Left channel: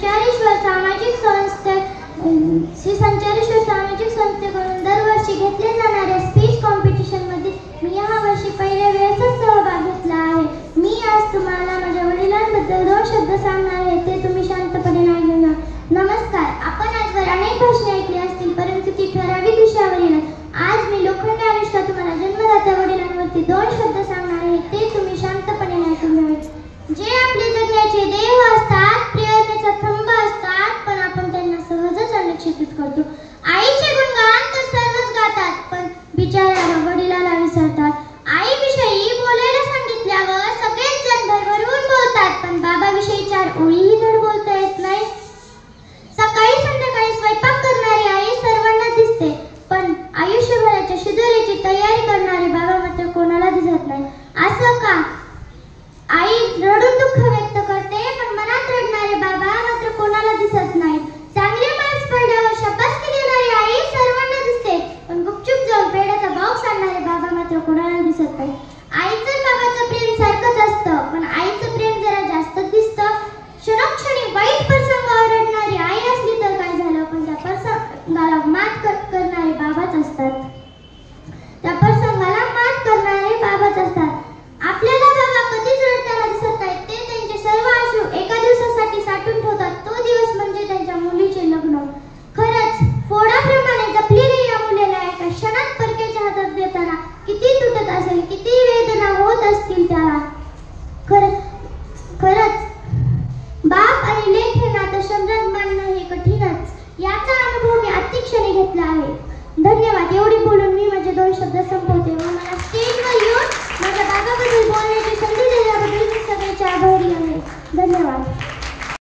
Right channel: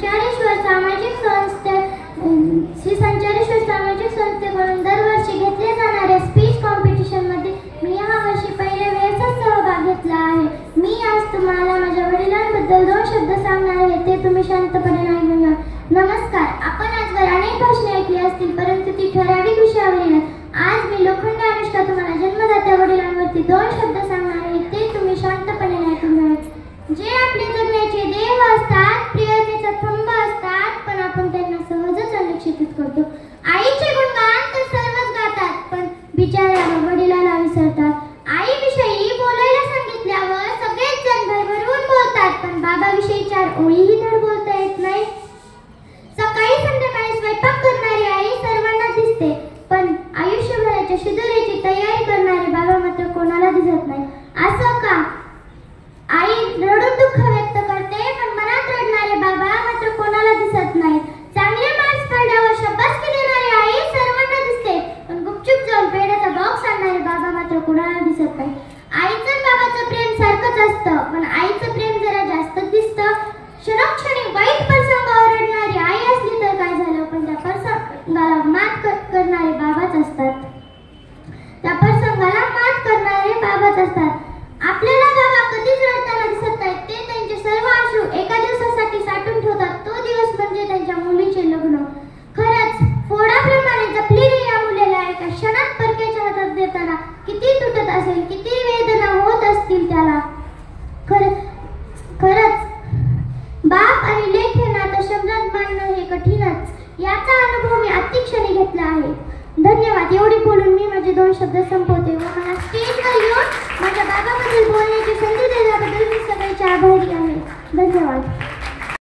संचारेश्वर सामाजिक संस्थेकडून दरवर्षी घेतले जाणाऱ्या स्पीच कॉम्पिटिशनमध्ये मी यावर्षी पहिल्या वेळेसच सहभाग घेतला आहे. मी आज तुम्हाला माझ्या वडिलांबद्दल 2 शब्द सांगणार आहे, ते तुम्ही शांतपणे ऐकून. नमस्कार. आपण आजवर अनेक भाषणे ऐकली असतील, परंतु ती ठराविक विषयावरील. आज मी लोखंडी अनुष्का तुम्हाला जन्मदात्या वडिलांवरती 2 शब्द सांगणार आहे, ते तुम्ही शांतपणे ऐकून घ्यावे. जे आपले जगण्याचे देव असतात, प्रियतेचा थंब असतात, पण आपण त्यांना सहजच अनुक्षिप्त करतो. आईचे गुणगान तर सर्वच गातात, पण बिचाऱ्या वडिलाला विसरतात. आईविषयी बोलायला सांगितल्यावर सगळेच जण भरभरून बोलतात, पण बाबाविषयी 4 ओळीही धड बोलता येत नाही. सकाळी संध्याकाळी स्वयंपाक करणारी आई सर्वांना दिसते, पण आयुष्यभराच्या शिदोरीची तयारी करणारे बाबा मात्र कोणाला दिसत नाही. असं का? आई रडून दुःख व्यक्त करते, पण मनात रडणारे बाबा मात्र कोणाला दिसत नाहीत. चांगले मार्क्स पडल्यावर शाबासकी देणारी आई सर्वांना दिसते, पण गुपचूप जाऊन पेढ्याचा बॉक्स आणणारे बाबा मात्र कोणाला दिसत नाही. आईचं बाबाचं प्रेम सारखंच असतं, पण आईचं प्रेम जरा जास्तच दिसतं. क्षणोक्षणी वाईट प्रसंगावर रडणारी आई असली तर काय झालं, पण त्या प्रसंगाला मात करणारे बाबाच असतात. त्या प्रसंगाला मात करणारे बाबाच असतात. आपल्याला बाबा कधीच रडताना दिसत नाहीत. ते त्यांचे सर्व अश्रू एका दिवसासाठी साठवून ठेवतात. तो दिवस म्हणजे त्यांच्या मुलीचे लग्न. खरंच फोडाप्रमाणे जपलेली या मुलीला एका क्षणात परक्याच्या हातात देताना किती तुटत असेल, किती वेदना होत असतील त्याला. खरंच बाप आणि लेक हे नातं शब्दात मांडणं हे कठीणच. याचा अनुभव मी अतिक्षणी घेतला आहे. धन्यवाद. एवढी बोलून मी माझे 2 शब्द संपवते व मला स्टेजवर येऊन माझ्या बाबाबद्दल बोलण्याची संधी दिल्याबद्दल मी सगळ्यांचे आभारी आहे. धन्यवाद.